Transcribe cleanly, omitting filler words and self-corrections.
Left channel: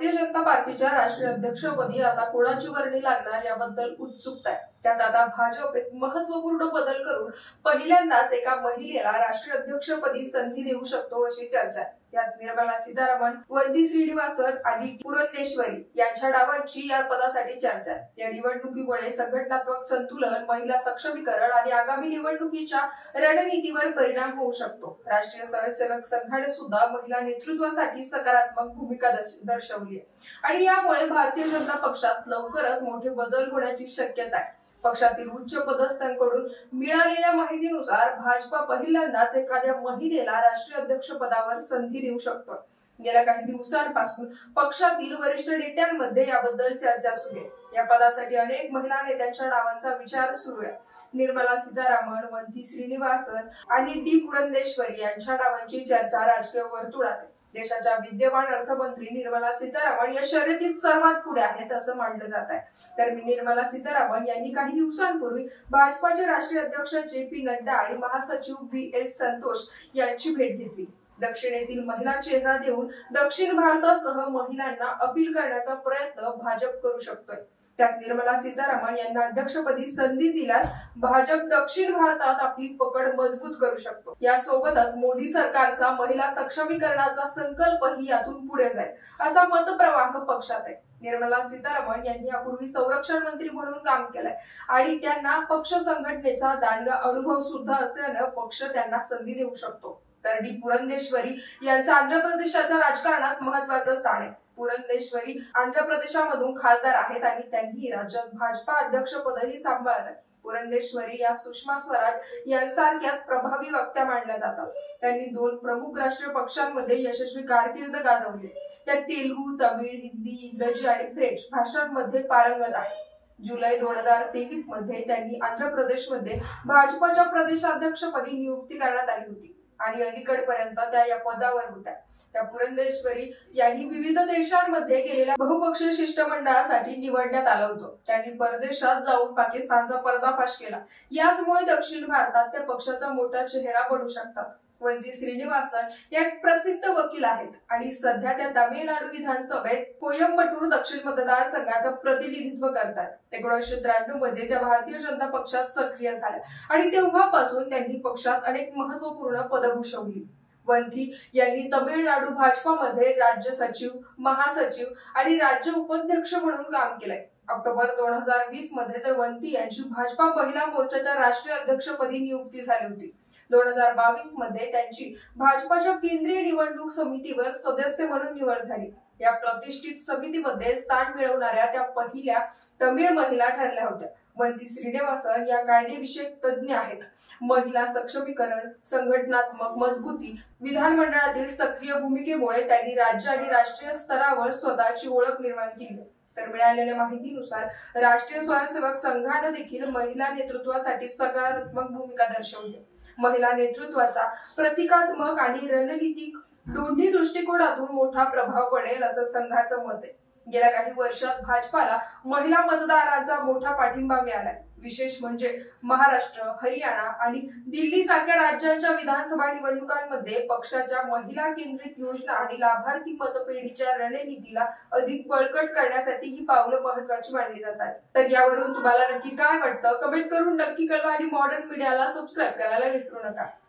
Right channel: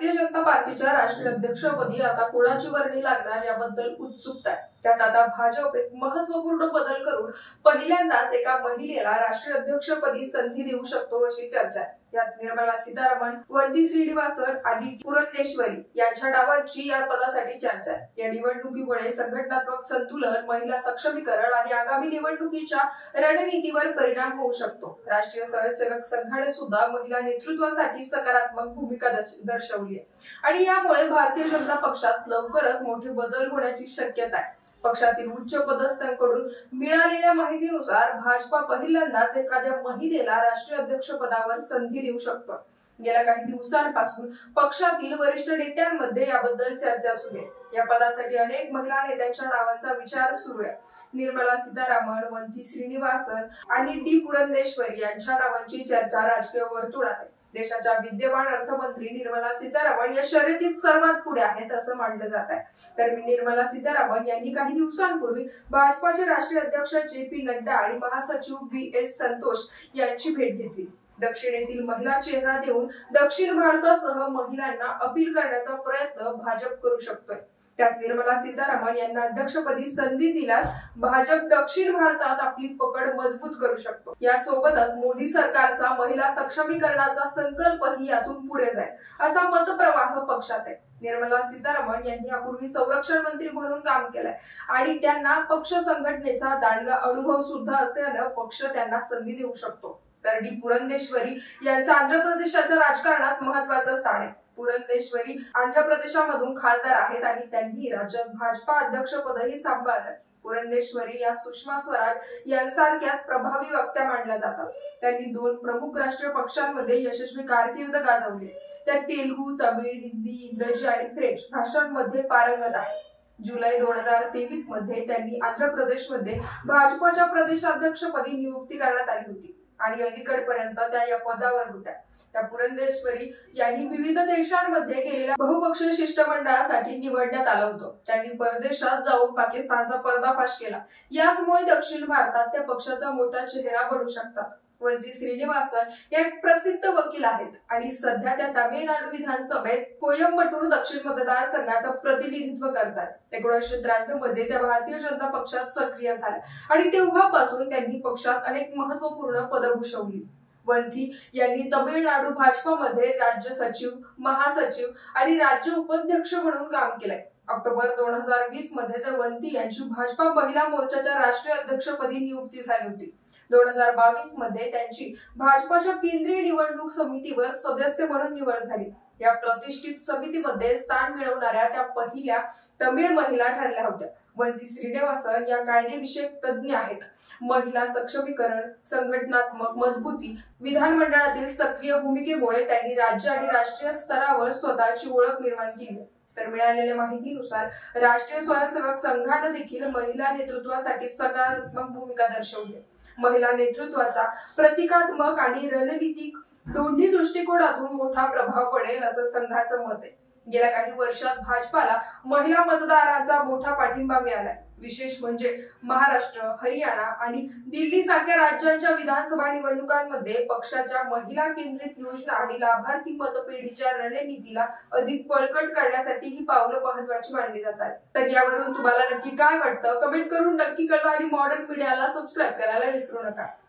भारतीय जनता पार्टीच्या राष्ट्रीय अध्यक्षपदी आता कोणाची वर्णी लागणार याबद्दल उत्सुकता आहे। त्यात आता भाजप एक महत्त्वपूर्ण बदल करून पहिल्यांदाच एका महिलेला राष्ट्रीय अध्यक्षपदी संधी देऊ शकतो अशी चर्चा आहे। यात निर्मला सीतारामन, वंती श्रीनिवासन आणि पुरंदेश्वरी यांच्या नावांची या पदासाठी चर्चा आहे। या निवडणुकीमुळे संघटनात्मक संतुलन, महिला सक्षमीकरण आणि आगामी निवडणुकीच्या रणनीतीवर परिणाम होऊ शकतो। राष्ट्रीय स्वयंसेवक संघाने सुद्धा महिला नेतृत्वासाठी सकारात्मक भूमिका दर्शवली आहे आणि यामुळे भारतीय जनता पक्षात लवकरच मोठे बदल होण्याची शक्यता आहे। पक्षातील उच्च पदस्थांकडून मिळालेल्या माहितीनुसार भाजपा पहिल्यांदाच एखाद्या महिलेला राष्ट्रीय अध्यक्ष पदावर संधी देऊ शकतो। गेल्या काही दिवसांपासून पक्षातील वरिष्ठ नेत्यांमध्ये याबद्दल चर्चा सुरू आहे। या पदासाठी अनेक महिला नेत्यांच्या नावांचा विचार सुरू आहे। निर्मला सीतारामन, वंती श्रीनिवासन आणि डी पुरंदेश्वरी यांच्या नावांची चर्चा राजकीय वर्तुळात आहे। देशाच्या विद्यमान अर्थमंत्री निर्मला सीतारामन या शर्यतीत सर्वात पुढे आहेत असं मानलं जात आहे। तर निर्मला सीतारामन यांनी काही दिवसांपूर्वी भाजपाचे राष्ट्रीय अध्यक्ष जे.पी. नड्डा आणि महासचिव बी.एल. संतोष यांची भेट घेतली। दक्षिणेतील महिला चेहरा देऊन दक्षिण भारतासह महिलांना अपील करण्याचा प्रयत्न भाजप करू शकतोय। त्यात निर्मला सीतारामन यांना अध्यक्षपदी संधी दिल्यास भाजप दक्षिण भारतात आपली पकड मजबूत करू शकतो। यासोबतच मोदी सरकारचा महिला सक्षमीकरणाचा संकल्पही यातून पुढे जाईल असा मतप्रवाह पक्षात आहे। निर्मला सीतारामन यांनी यापूर्वी संरक्षण मंत्री म्हणून काम केलंय आणि त्यांना पक्ष संघटनेचा दांडगा अनुभव सुद्धा असल्यानं पक्ष त्यांना संधी देऊ शकतो। तर डी पुरंदेश्वरी यांचं आंध्र प्रदेशाच्या राजकारणात महत्त्वाचं स्थान आहे। पुरंदेश्वरी आंध्र प्रदेशामधून खासदार आहेत आणि त्यांनी राज्यात भाजपा अध्यक्षपदही सांभाळलं। पुरंदेश्वरी या सुषमा स्वराज यांसारख्याच प्रभावी वक्त्या मानल्या जातात। त्यांनी 2 प्रमुख राष्ट्रीय पक्षांमध्ये यशस्वी कारकीर्द गाजवली। त्या तेलुगू, तमिळ, हिंदी, इंग्रजी आणि फ्रेंच भाषांमध्ये पारंगत आहेत। जुलै 2023 मध्ये त्यांनी आंध्र प्रदेशमध्ये भाजपच्या प्रदेशाध्यक्षपदी नियुक्ती करण्यात आली होती आणि अलीकडपर्यंत त्या या पदावर होत्या। त्या पुरंदेश्वरी यांनी विविध देशांमध्ये गेलेल्या बहुपक्षीय शिष्टमंडळासाठी निवडण्यात आलं होतं। त्यांनी परदेशात जाऊन पाकिस्तानचा पर्दाफाश केला। याचमुळे दक्षिण भारतात त्या पक्षाचा मोठा चेहरा बनू शकतात। वंती श्रीनिवासन या एक प्रसिद्ध वकील आहेत आणि सध्या त्या तामिळनाडू विधानसभेत कोयंबटूर दक्षिण मतदारसंघाचं प्रतिनिधित्व करतात। 1993 मध्ये त्या भारतीय जनता पक्षात सक्रिय झाल्या आणि तेव्हापासून त्यांनी पक्षात अनेक महत्त्वपूर्ण पदं भूषवली। वंती यांनी तमिळनाडू भाजपामध्ये राज्य सचिव, महासचिव आणि राज्य उपाध्यक्ष म्हणून काम केलंय। ऑक्टोबर 2020 मध्ये तर वंती यांची भाजपा महिला मोर्चाच्या राष्ट्रीय अध्यक्षपदी नियुक्ती झाली होती। 2022 मध्ये त्यांची भाजपाच्या केंद्रीय निवडणूक समितीवर सदस्य म्हणून निवड झाली। या प्रतिष्ठित समितीमध्ये स्थान मिळवणाऱ्या त्या पहिल्या तमिळ महिला ठरल्या होत्या। वंती श्रीनिवासन या कायदेविषयक तज्ज्ञ आहेत। महिला सक्षमीकरण, संघटनात्मक मजबूती, विधानमंडळातील सक्रिय भूमिकेमुळे त्यांनी राज्य आणि राष्ट्रीय स्तरावर स्वतःची ओळख निर्माण केली। तर मिळालेल्या माहितीनुसार राष्ट्रीय स्वयंसेवक संघाने देखील महिला नेतृत्वासाठी सकारात्मक भूमिका दर्शवली। महिला नेतृत्वाचा प्रतिकात्मक आणि रणनीतिक दोन्ही दृष्टिकोनातून मोठा प्रभाव पडेल असं संघाचं मत आहे। गेल्या काही वर्षात भाजपाला महिला मतदारांचा मोठा पाठिंबा मिळालाय। विशेष म्हणजे महाराष्ट्र, हरियाणा आणि दिल्ली सारख्या राज्यांच्या विधानसभा निवडणुकांमध्ये पक्षाच्या महिला केंद्रित योजना आणि लाभार्थी मतपेढीच्या रणनीतीला अधिक बळकट करण्यासाठी ही पावलं महत्त्वाची मानली जातात। तर यावरून तुम्हाला नक्की काय वाटतं कमेंट करून नक्की कळवा आणि मॉडर्न मीडियाला सबस्क्राईब करायला विसरू नका।